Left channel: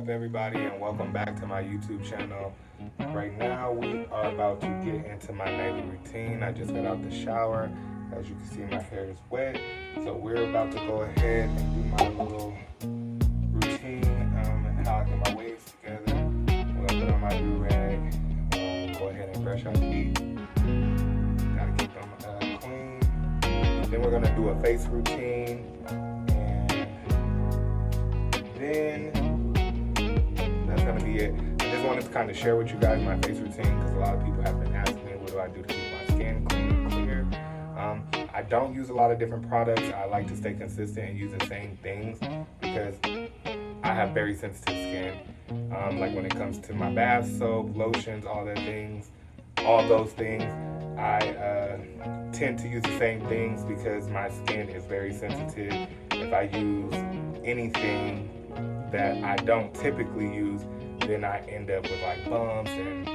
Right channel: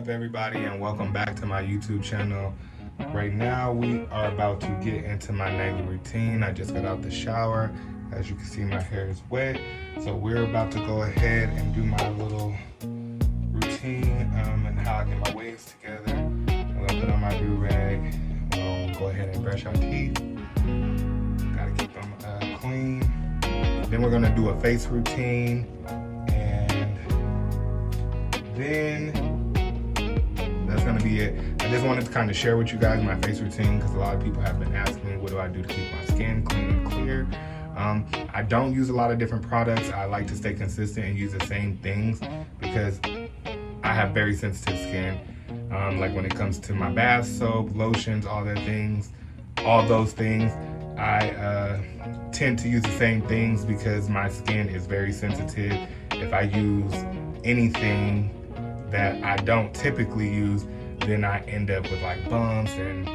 up, everybody, and welcome back to my YouTube channel. Right now we are about to get into my nightly routine. I just got out the shower. As you can see, my hair is wet, so we're about to go ahead and do my little routine and how I get my waves together. I'm gonna put on my do-rag, go ahead and brush our teeth. Gotta keep them clean. Then we're gonna do a face routine. Kind of share with you guys my face routine because a lot of people have been asking, what do I do to keep my skin clean and clear? I don't use a lot of different products. I like to stay consistent and use the same things because I have very sensitive skin. Like when it comes to my bath soap, lotions, all those things, I tend to use the same things because my skin is very sensitive. If I use anything that I don't typically use, then I end up with like bumps, and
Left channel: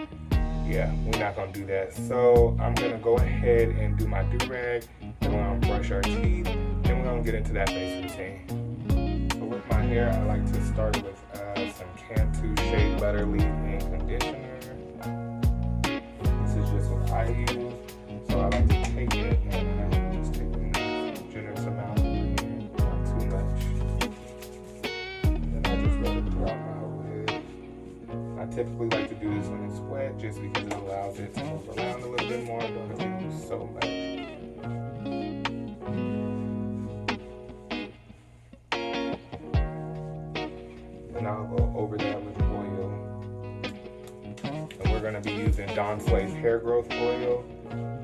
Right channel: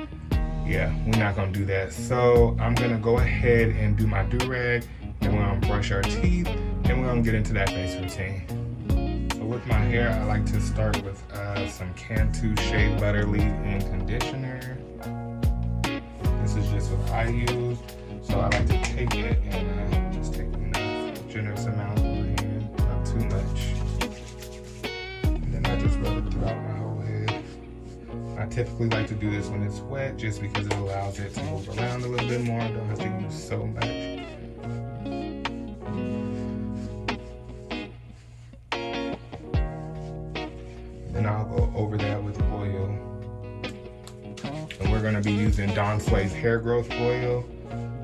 yeah, we're not gonna do that. So I'm gonna go ahead and do my do-rag, and we're gonna brush our teeth, and we're gonna get into that face routine. So with my hair, I like to start with some Cantu Shea Butter Leave-In Conditioner. This is just what I use, so I like to take it and just take a generous amount of it, not too much. And then I just rub it throughout my wig. I typically like to do this when it's wet just because it allows it to move around a little bit more. I don't have to use so much. And I'll go over that with oil. And we're going to be using Dawn Slay's hair growth oil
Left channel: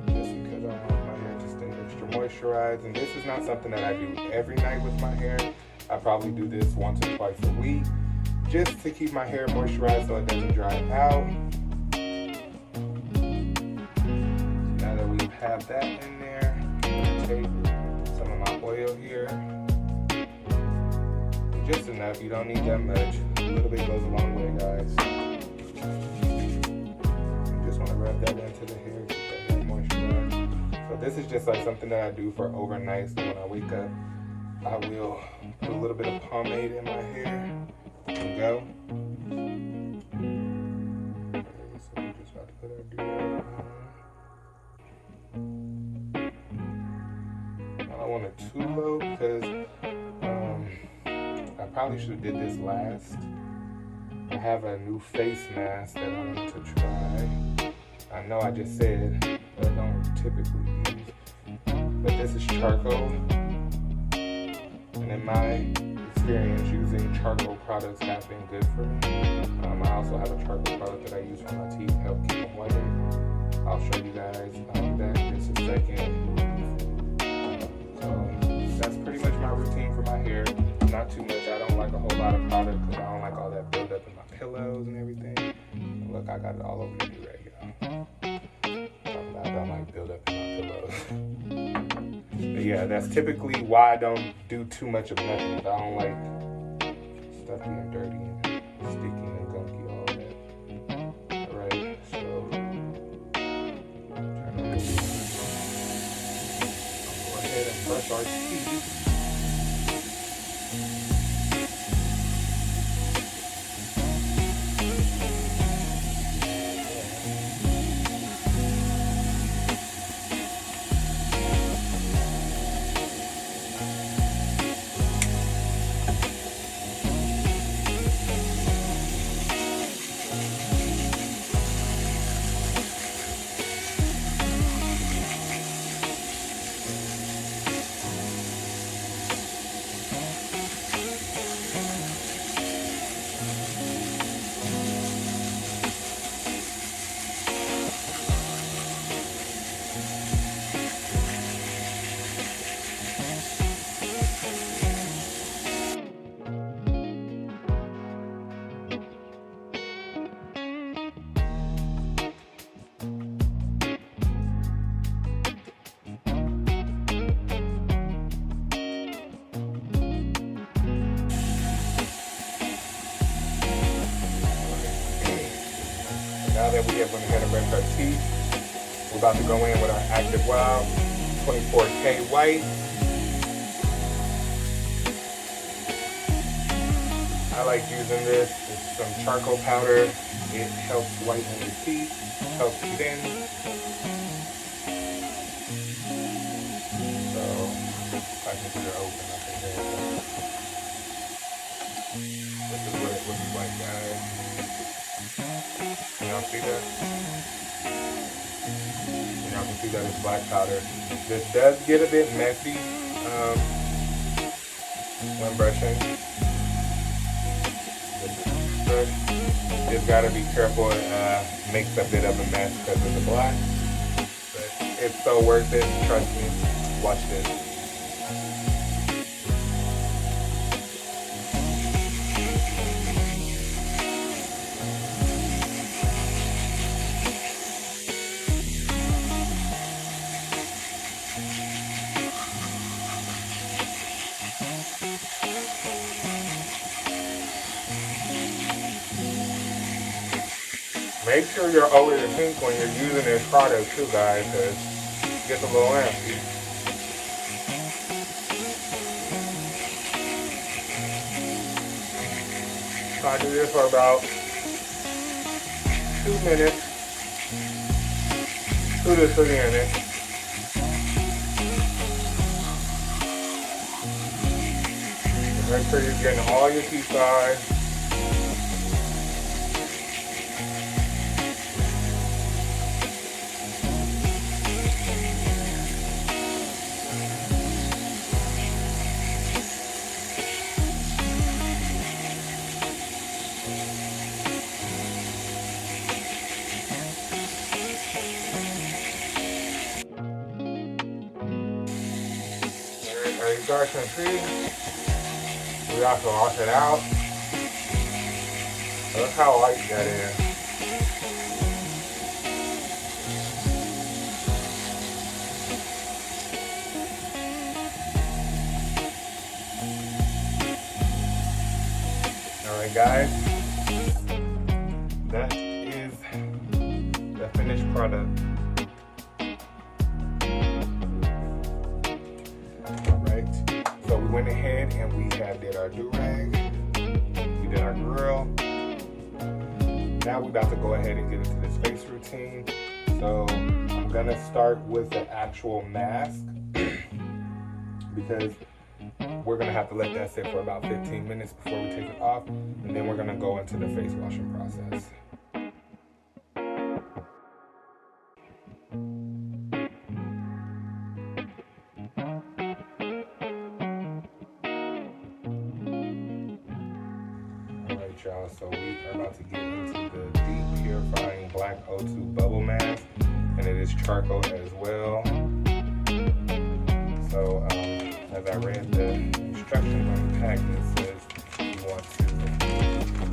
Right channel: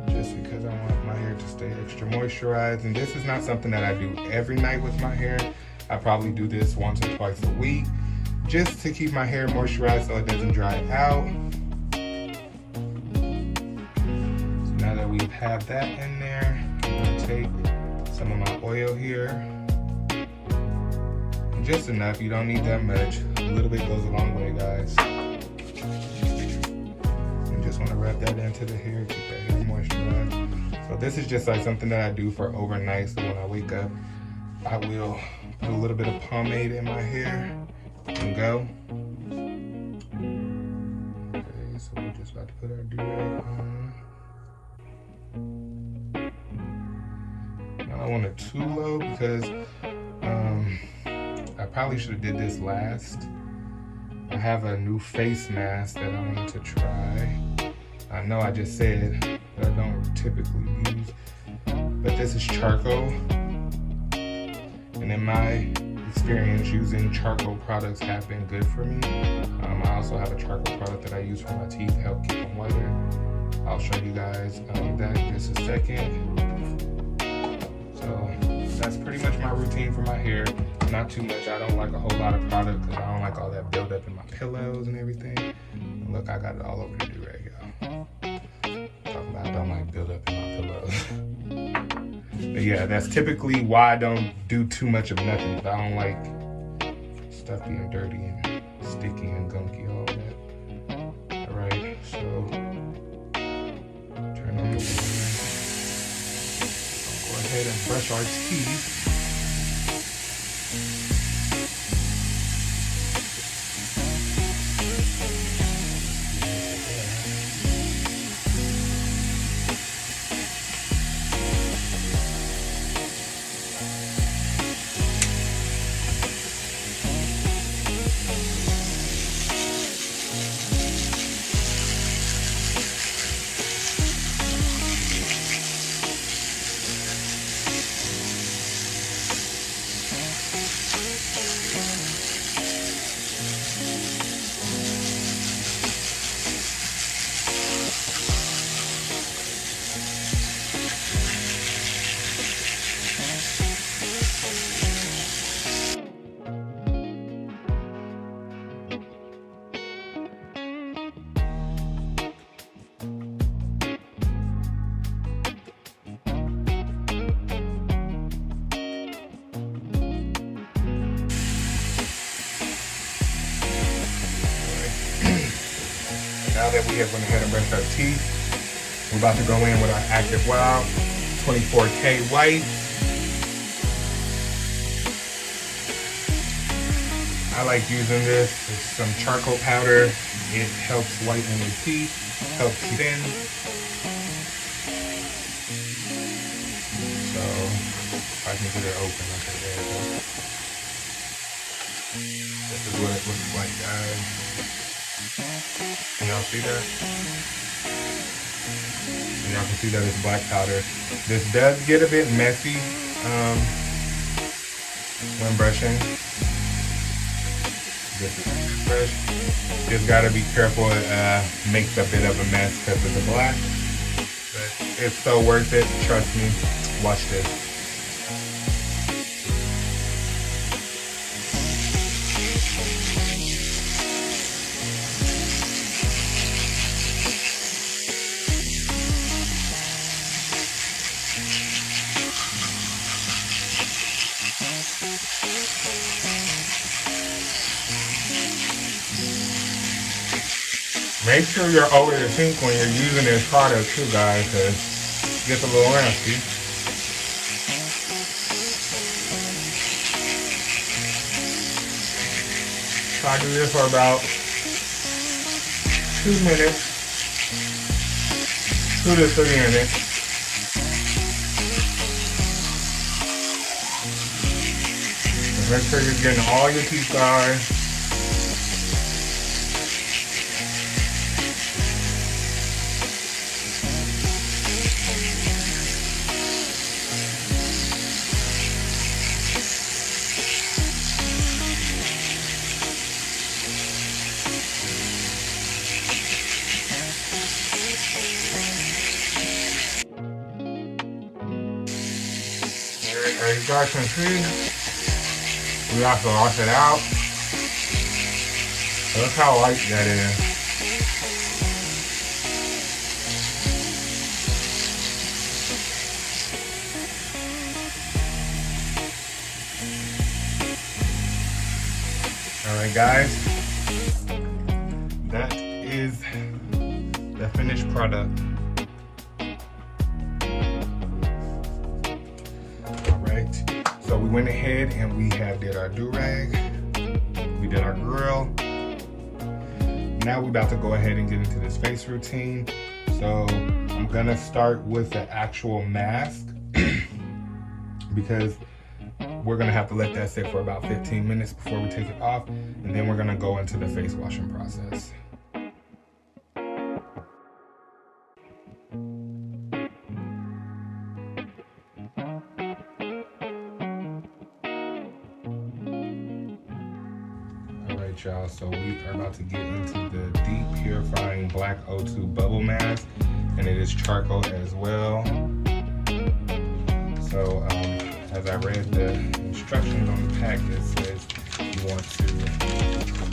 just because I want my hair to stay extra moisturized. And this is not something that I do every night with my hair. I probably do this once or twice a week, just to keep my hair moisturized so it doesn't dry out. So now that we have that in there, I'm gonna take some of my oil here. Just enough, you don't need that much. A little bit goes a long way, guys. You just wanna rub that into the hair, keep that hair moisturized. So this is just like something that I do for overnight, so when I wake up, I will put a little bit of pomade in my hair and go. Okay, so we're just about to put our do-rag on. I don't want it too low because I probably should have did this last. I have a new face mask that I want to try. I know I just said that I don't typically use, but this is charcoal. And in my experience, using charcoal products have been good for me. I also have a charcoal product that I use for my teeth to help keep them whiter. I'll show you guys that in just a second. So that's pretty much my routine for my hair. Not too much. I don't like a whole lot of product because I don't like all that buildup in my pillows and everything. Look, I got it all over the do-rag, y'all. I don't like buildup in my pillows. But yeah, that's typically why I don't do too much of nothing. I don't like stuff being dirty and sticky and gunky, all that. Alright, so turn it over. Go ahead and brush our teeth. That we have when we had to brush our teeth. We're about to go in with our Active Wow 24K white. I like using this some charcoal powder. It helps whiten your teeth, helps thin. So if I can get it open, this is what it looks like, guys. Y'all see that? Y'all can see that it's black powder. This does get a bit messy when brushing. Just gotta be careful. It makes a bit of a mess because of the black. But it's so worth it. Trust me. Watch this. Make sure you're over the sink when you're using this product too, guys, because it gets a little nasty. So I do this for about 2 minutes, 2 to 3 minutes. Make sure you're getting all your teeth, guys. You guys can see, we also wash it out. Look how light that is. Alright guys, that is the finished product. Went ahead and we did our do-rag, we did our grill. Now we're about to go ahead and get into this face routine. So I'm gonna start with the actual mask because we're gonna have to let that sit for about 15 minutes before we take it off, and then we're gonna go into the face washing process. Y'all, so we are about to get into the deep purifying black O2 bubble mask, and it is charcoal as well. So as I read the instructions on the pack, it says you want to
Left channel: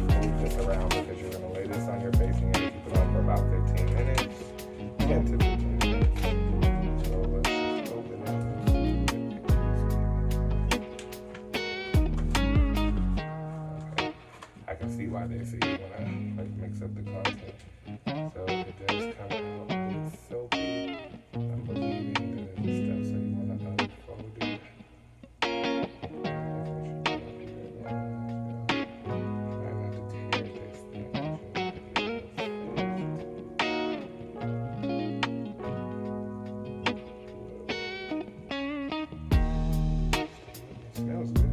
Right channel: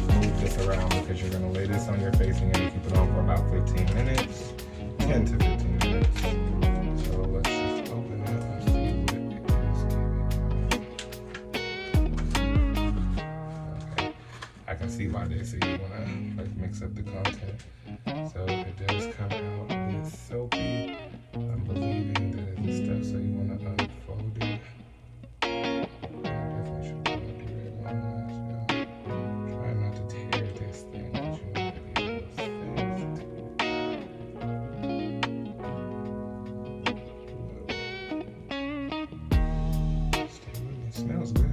move this around because you're going to lay this on your face and then keep it on for about 15 minutes, 10 to 15 minutes. So let's just open up. I can see why they see it when I mix up the content. So it does come out it's soapy. I'm believing that it's stuff, so you want to unfold it. Try not to tear this thing. It smells good.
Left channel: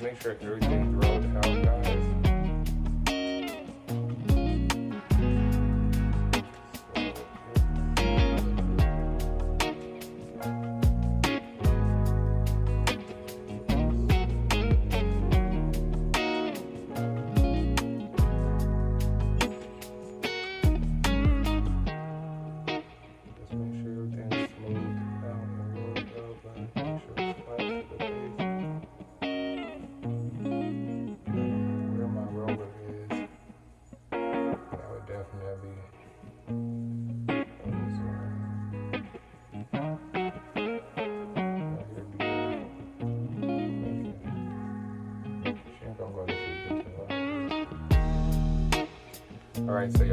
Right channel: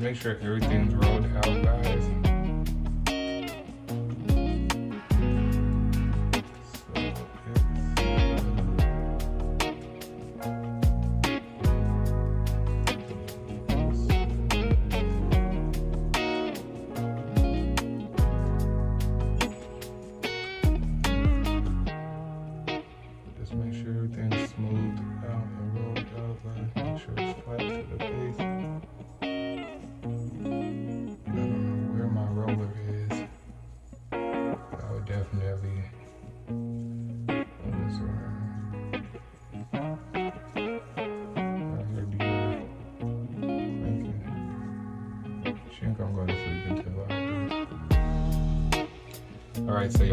Make sure everything's rolled out, guys.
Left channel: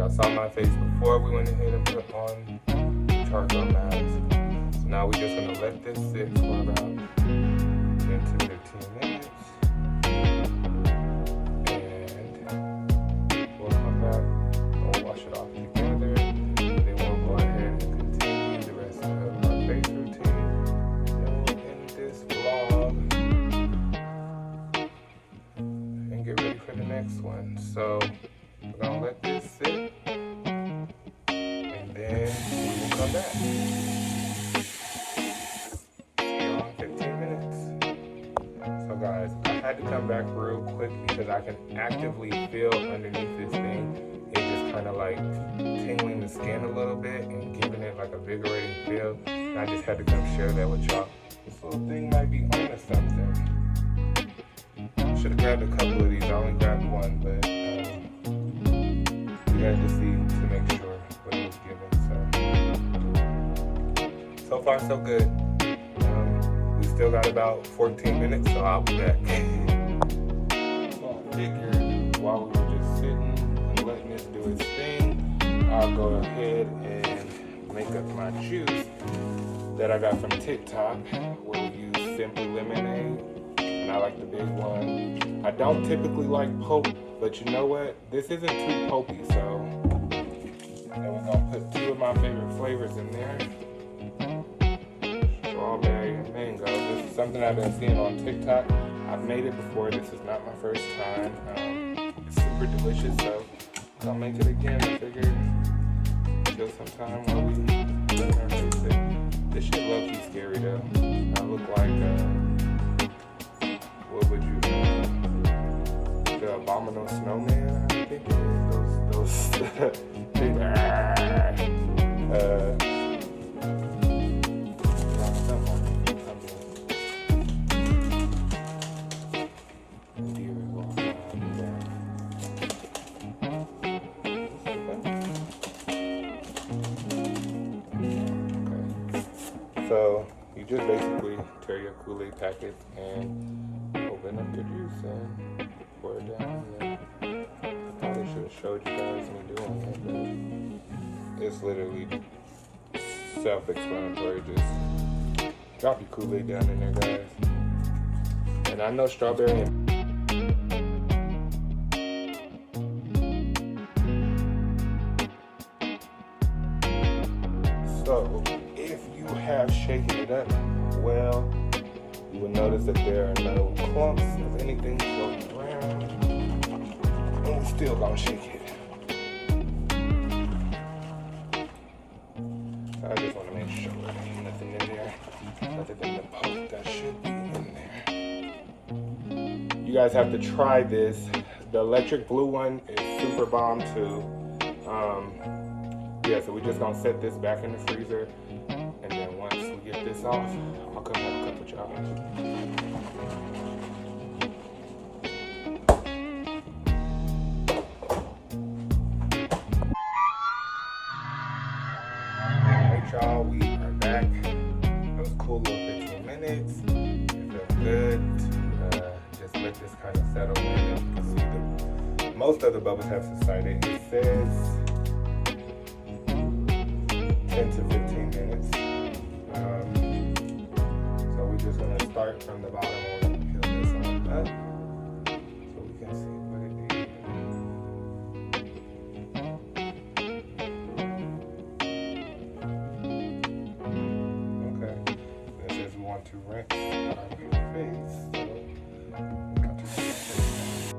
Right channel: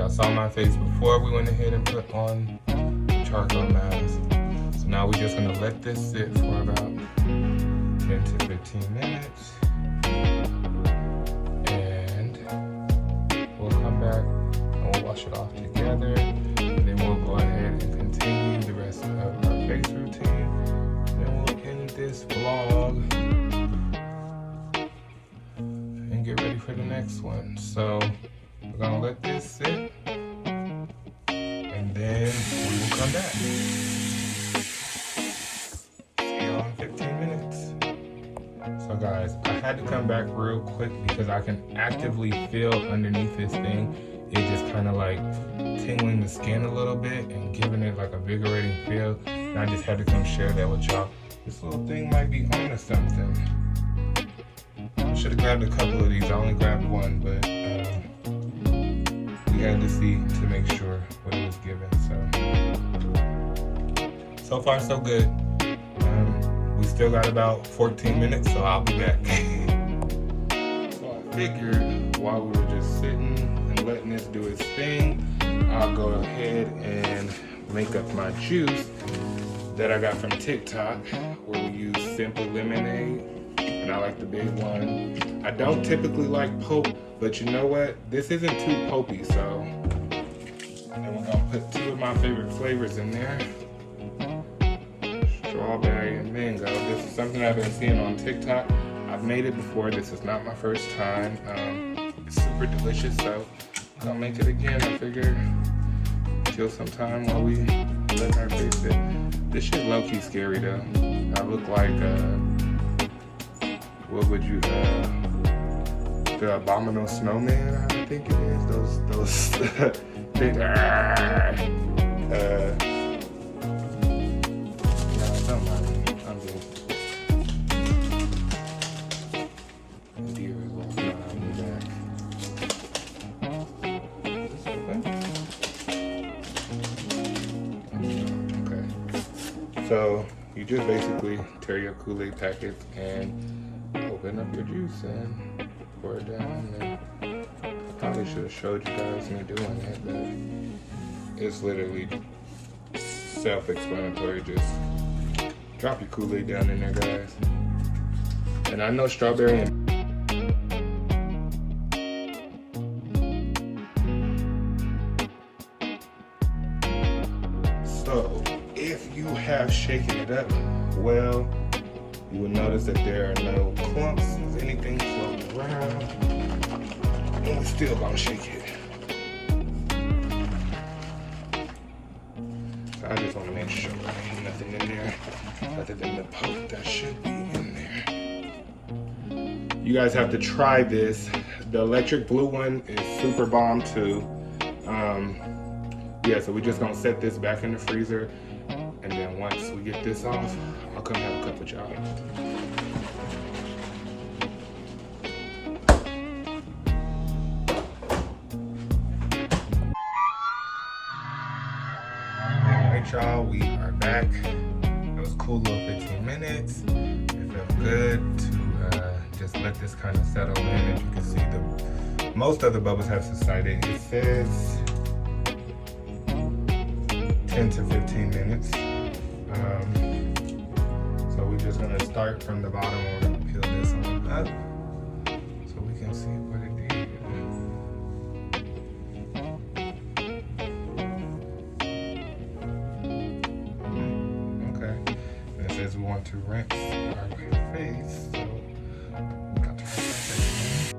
y'all saw my face before we went ahead and put on charcoal mask. So now we're just gonna let this sit for about 10 to 15 minutes. So we're gonna let this sit, and then we'll come back. See you in 15 minutes. So guys, I had to come back real quick because I can actively feel underneath this thing. It's just kind of like tingling the skin a little bit and giving it like a invigorating feel. And I just had to come share that with y'all. This little thing might be onto something. Should have grabbed a couple of these. I only grabbed one, but had to see to make sure what it was given. So far so good. We still got about 14 minutes, so I'll be back. So I figured while we were just sitting and letting this do its thing, I'll go ahead and make up my juice that I got from TikTok, where we use Simple Lemonade, and I like the big one. I don't typically like Pope, but you know what? This isn't too pulpy, so. And we're gonna put two of my favorite flavors in there. Strawberry and mango. This is something I've been seeing on TikTok. I've made it before. This is not my first time. It's super delicious, so I'm gonna make it again. I figured kill some time while we let our face it. This shit low-key scary though. I look like, what would you the Abominable Snowman, I think it is. Those big, So you just basically tear your Kool-Aid packet and open up the juice and pour it down. And I probably should have showed you guys me doing it, but it's literally self-explanatory. Just drop your Kool-Aid down in there, guys. And I know strawberry and so if you have shaken it up well, you will notice that there are no clumps of anything floating around. And we're still gonna shake it. So I just want to make sure there ain't nothing in there other than the pulp that should be in there. You guys have to try this. The electric blue one is super bomb too. Yeah, so we're just gonna set this back in the freezer, and then once we get this off, I'm gonna come have a cup with y'all. Alright y'all, we are back. That was cool little 15 minutes. It felt good to just let this kind of settle in. As you can see, most of the bubbles have subsided. It says 10 to 15 minutes. So we're just gonna start from the bottom and peel this one up so we can see what it did. Okay. And it says we want to rinse our face. So got to rinse our face.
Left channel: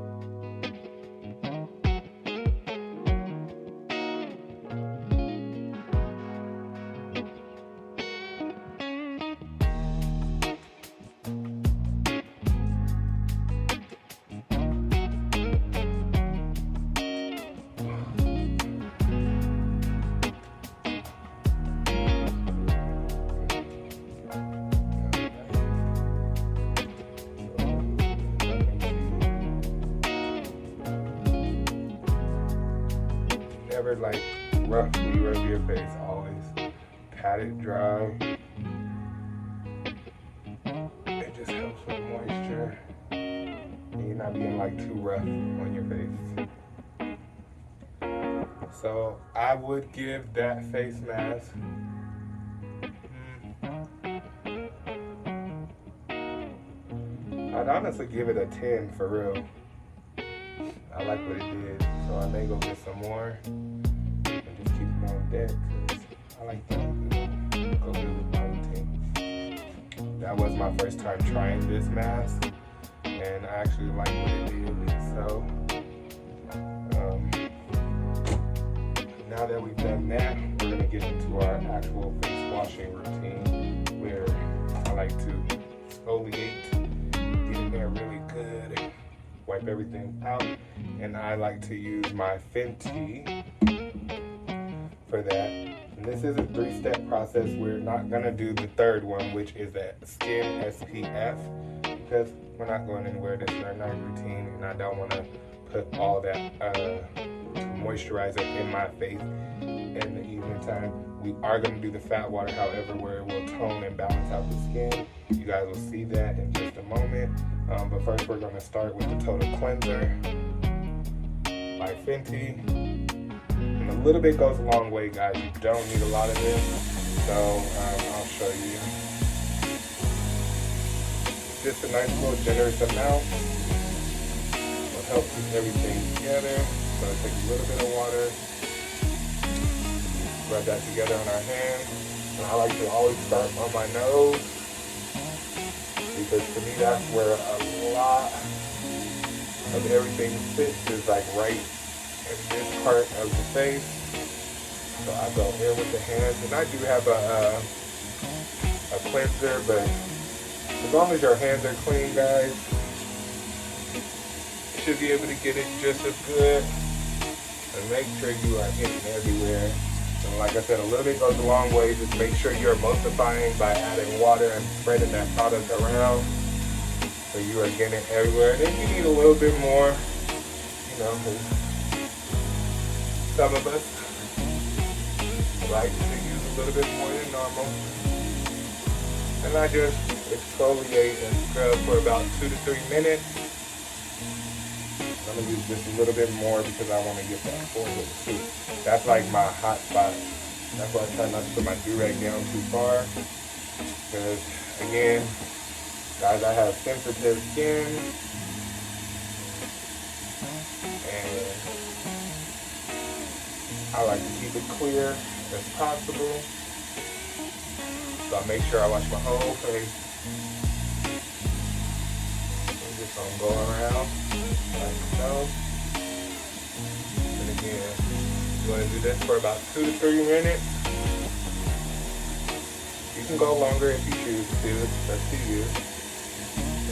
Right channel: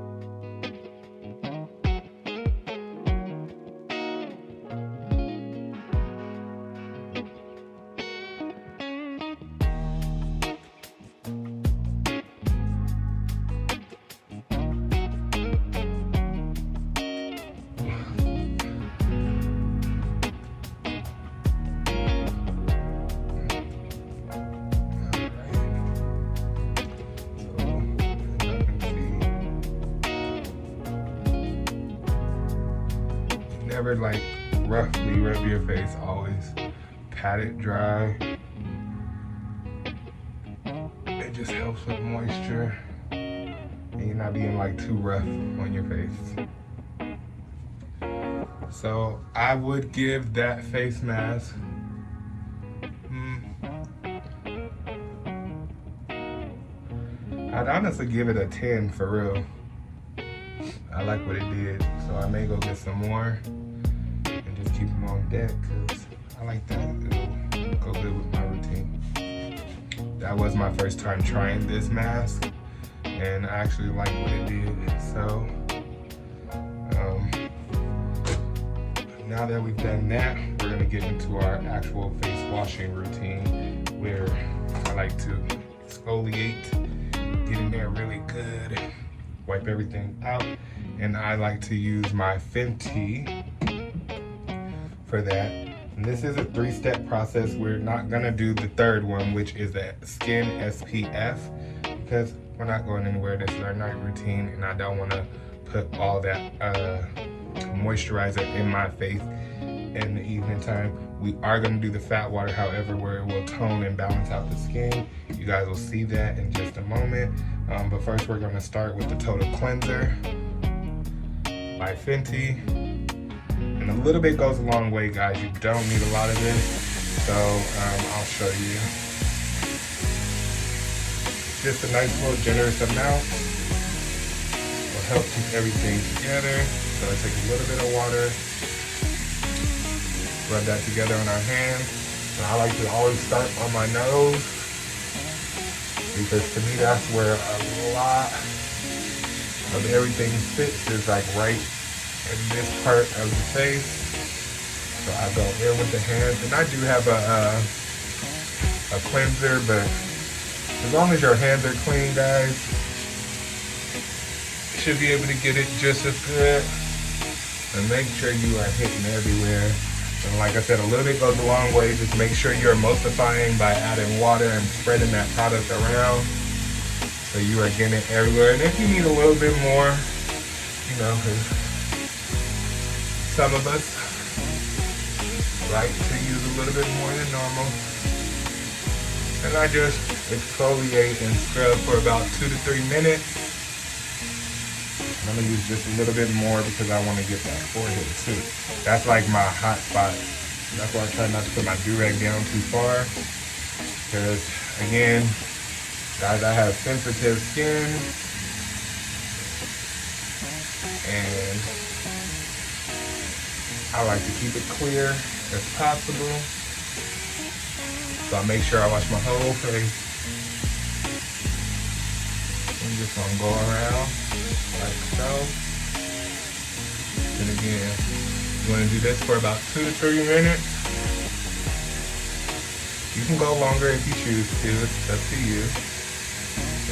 Never like roughly rub your face, always pat it dry. It just helps with moisture and you're not being like too rough on your face. So I would give that face mask I'd honestly give it a 10 for real. I like what it did, so I may go get some more and just keep them on deck, because I like that. It'll go good with my routine. That was my first time trying this mask, and I actually like what it did. So now that we've done that, we're going to get into our actual face washing routine, where I like to exfoliate, get in there really good, wipe everything out, and I like to use my Fenty for that. And this is a 3-step process. We're not going to do the third one, which is the Skin SPF, because we're not going anywhere. This is our night routine, and I don't want to put all that moisturizer in my face in the evening time. We are going to do the fat water, however, where it will tone and balance out the skin. You guys will see that in just a moment. But first, we're going to start with the Total Cleanser by Fenty. And a little bit goes a long way, guys. You don't need a lot of this, so I'll show you. Just a nice little generous amount will help keep everything together. So it takes a little bit of water, rub that together on our hands. And I like to always start on my nose, because to me that's where a lot of everything fits, is like right in this part of the face. So I go here with the hands, and I do have a cleanser, but as long as your hands are clean, guys, you should be able to get it just as good. And make sure you are hitting everywhere. And like I said, a little bit goes a long way. Just make sure you're emulsifying by adding water and spreading that product around, so you are getting it everywhere. And if you need a little bit more, you know, some of us like to use a little bit more than normal. And I just exfoliate and scrub for about 2 to 3 minutes. I'm going to use just a little bit more because I want to get that forehead too. That's like my hot spot. That's why I try not to put my do-rag down too far. Because, again, guys, I have sensitive skin. And I like to keep it clear as possible. So I make sure I wash my whole face. I'm just going to go around like so. And again, you want to do this for about 2 to 3 minutes. You can go longer if you choose to. It's up to you.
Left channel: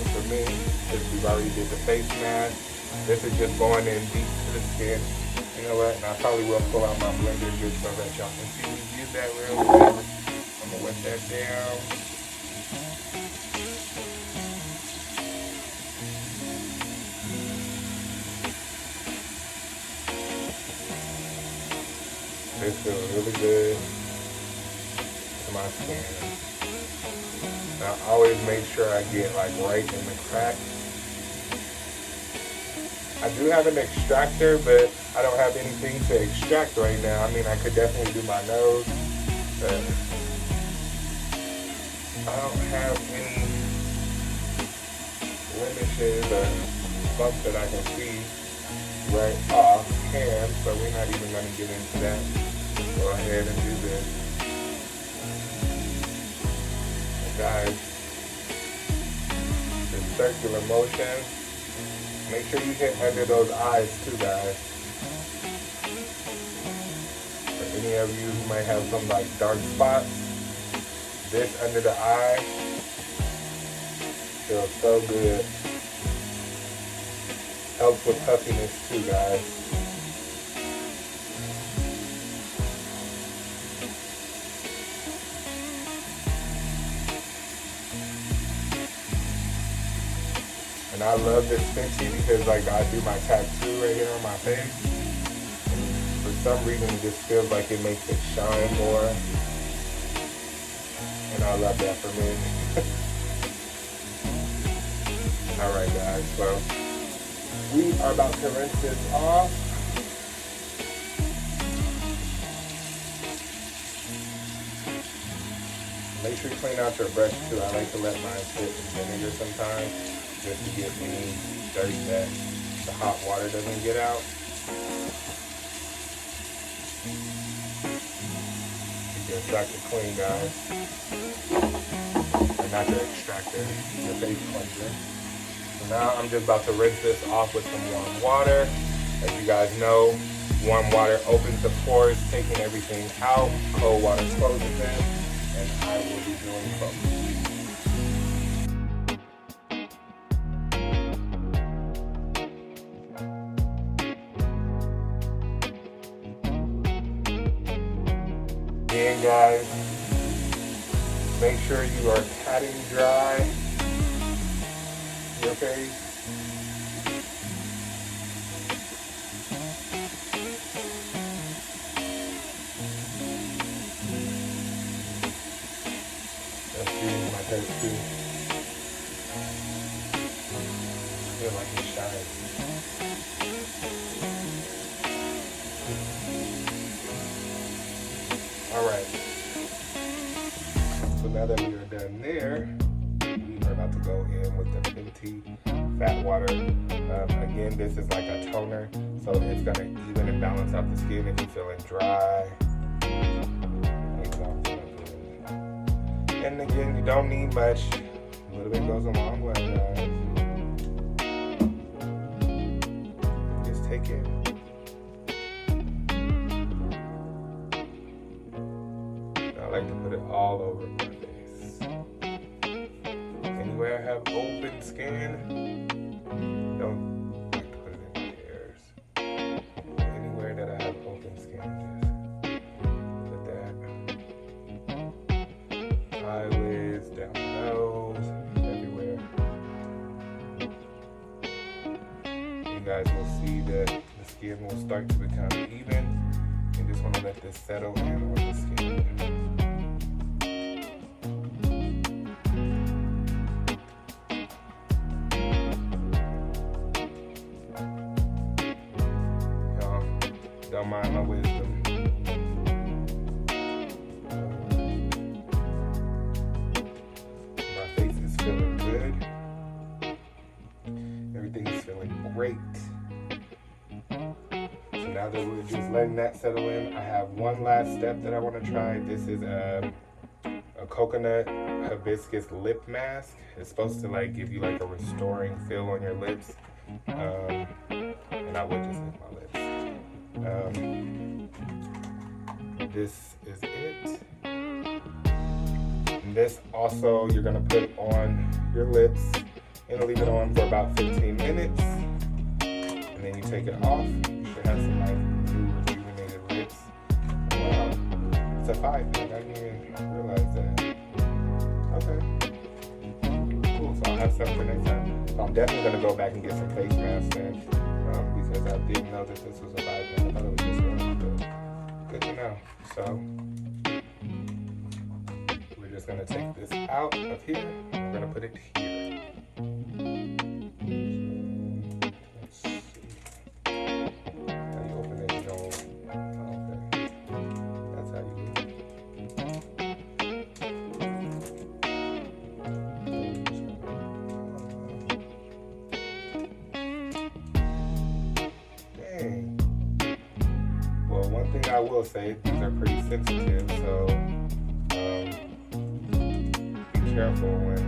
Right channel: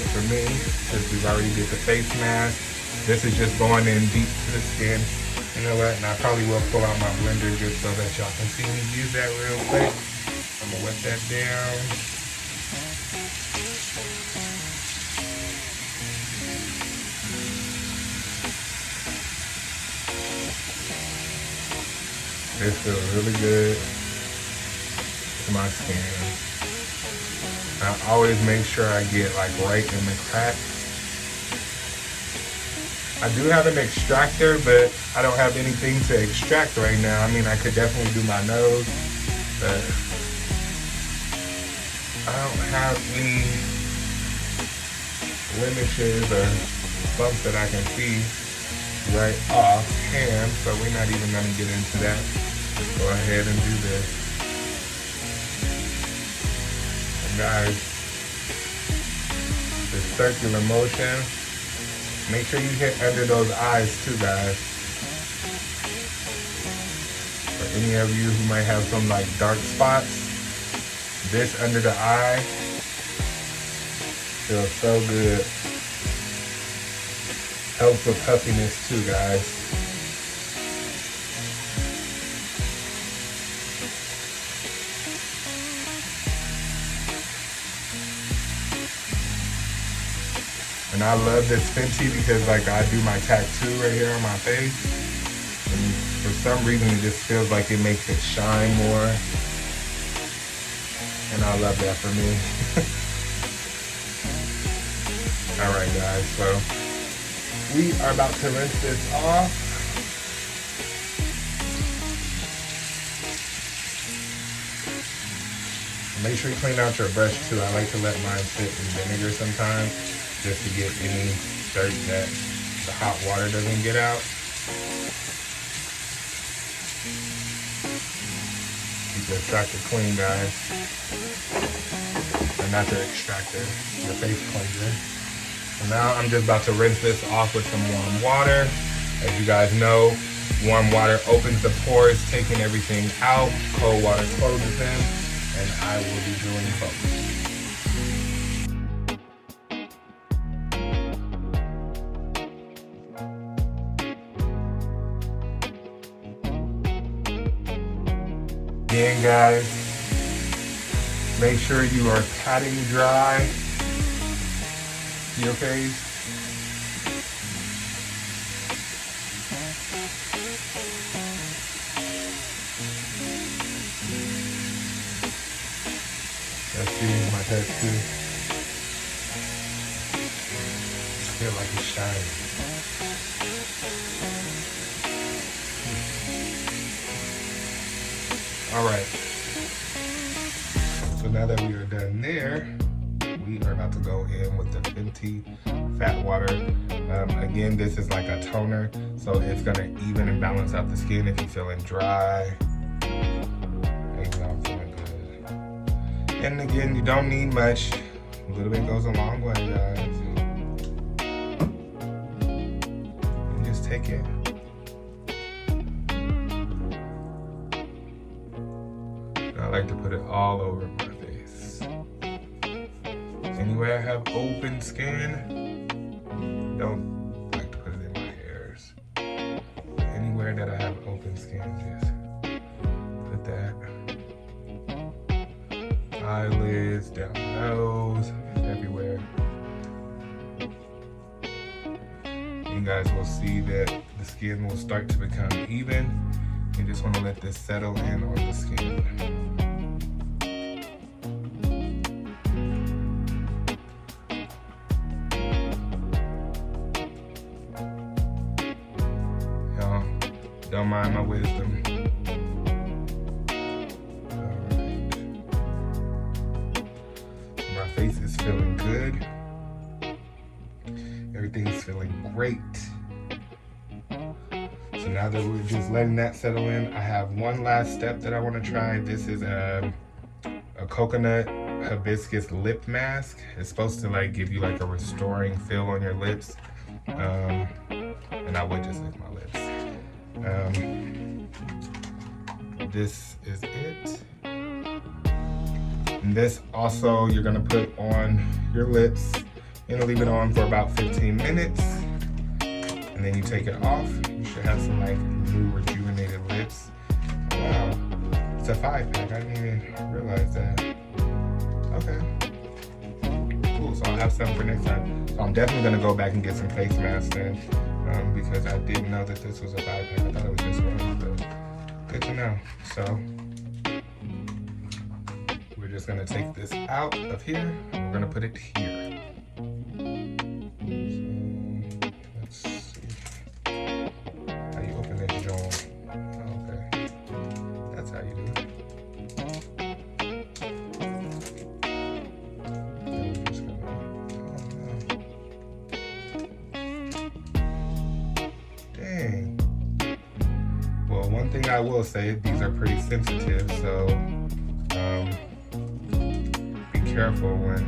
But for me, since we've already did the face mask, this is just going in deep to the skin. You know what? And I probably will pull out my blender just so that y'all can see me use that real quick. I'm gonna wet that down. This feels really good to my skin. I always make sure I get like right in the crack. I do have an extractor, but I don't have anything to extract right now. I mean, I could definitely do my nose, but I don't have any blemishes or bumps that I can see right offhand, so we're not even going to get into that. Go ahead and do this. And guys, the circular motion. Make sure you hit under those eyes too, guys. For any of you who might have some like dark spots, this under the eye feels so good. Helps with puffiness too, guys. And I love this Fenty because like I do my tattoo right here on my face. For some reason it just feels like it makes it shine more. And I love that for me. Alright guys, so we are about to rinse this off. make sure you clean out your brush too. I like to let mine sit in vinegar sometimes just to get any dirt that the hot water doesn't get out. The extractor clean, guys. And not the extractor, the face cleaner. So now I'm just about to rinse this off with some warm water. As you guys know, warm water opens the pores, taking everything out. Cold water closes them, and I will be doing both. Again, guys, make sure you are patting dry your face. Alright, so now that we are done there, we are about to go in with the Fenty Fat Water. Again, this is like a toner, so it's going to even and balance out the skin if you're feeling dry. And again, you don't need much. A little bit goes a long way, guys. And just take it. I like to put it all over my face. Anywhere I have open skin, don't like to put it in my hairs. Anywhere that I have open skin, just put that. Eyelids, down the nose, everywhere. You guys will see that the skin will start to become even. You just want to let this settle in on the skin. Don't mind my wisdom. My face is feeling good. Everything's feeling great. So now that we're just letting that settle in, I have one last step that I want to try. This is a coconut hibiscus lip mask. It's supposed to like give you like a restoring feel on your lips. And I would just lick my lips. This is it. And this also you're gonna put on your lips and leave it on for about 15 minutes. And then you take it off. You should have some like new rejuvenated lips. It's a 5-pack, I didn't even realize that. Okay. Cool, so I'll have some for next time. So I'm definitely gonna go back and get some face masks then. Because I didn't know that this was a 5-pack. I thought it was just one, but good to know. So we're just gonna take this out of here and we're gonna put it here. So, let's see. How you open this joint? Okay. That's how you do it. I will say these are pretty sensitive, so be careful when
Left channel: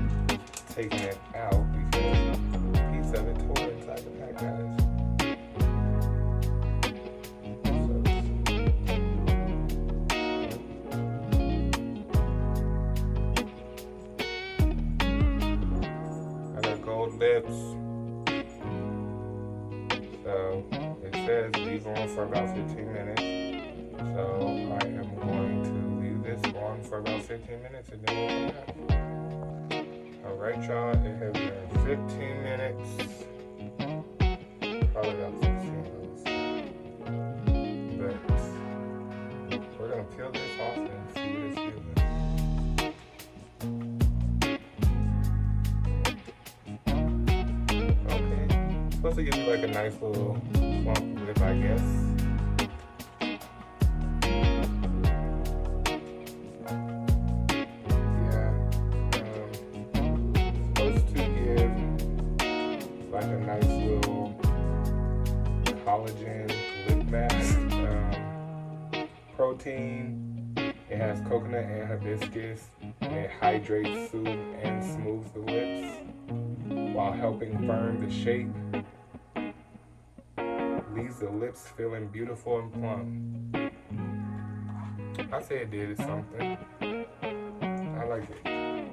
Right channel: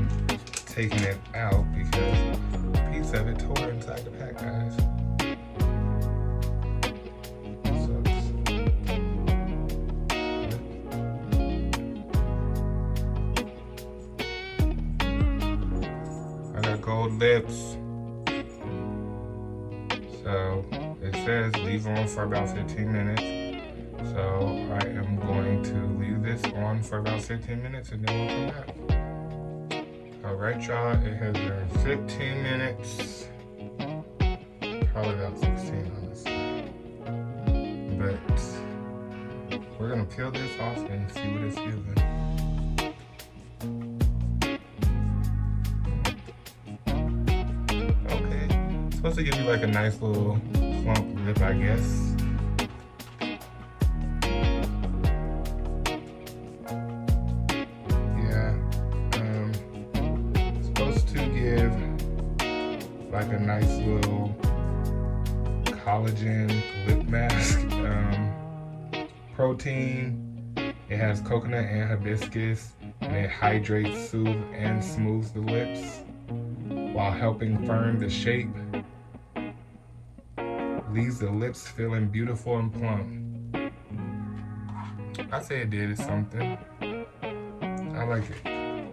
taking it out because a piece of it tore inside the pack, guys. I got gold lips, so it says leave on for about 15 minutes. So I am going to leave this on for about 15 minutes and then we'll come back. Alright y'all, it has been 15 minutes. Probably about 16 honestly. But we're going to peel this off and see what it's giving. Okay, it's supposed to give you like a nice little plump lip, I guess. Yeah, routine. It has coconut and hibiscus, and it hydrates, soothes, and smooths the lips while helping firm the shape. Leaves the lips feeling beautiful and plump. I say it did something. I like it.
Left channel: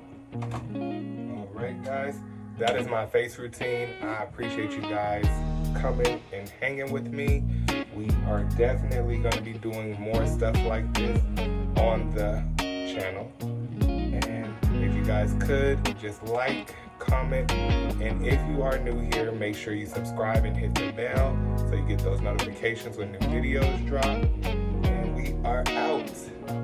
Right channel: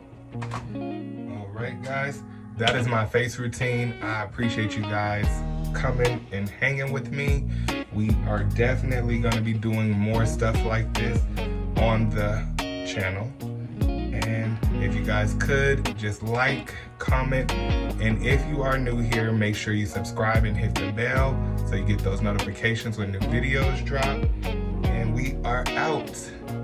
Alright guys, that is my face routine. I appreciate you guys coming and hanging with me. We are definitely going to be doing more stuff like this on the channel. And if you guys could, just like, comment, and if you are new here, make sure you subscribe and hit the bell so you get those notifications when the videos drop. And we are out.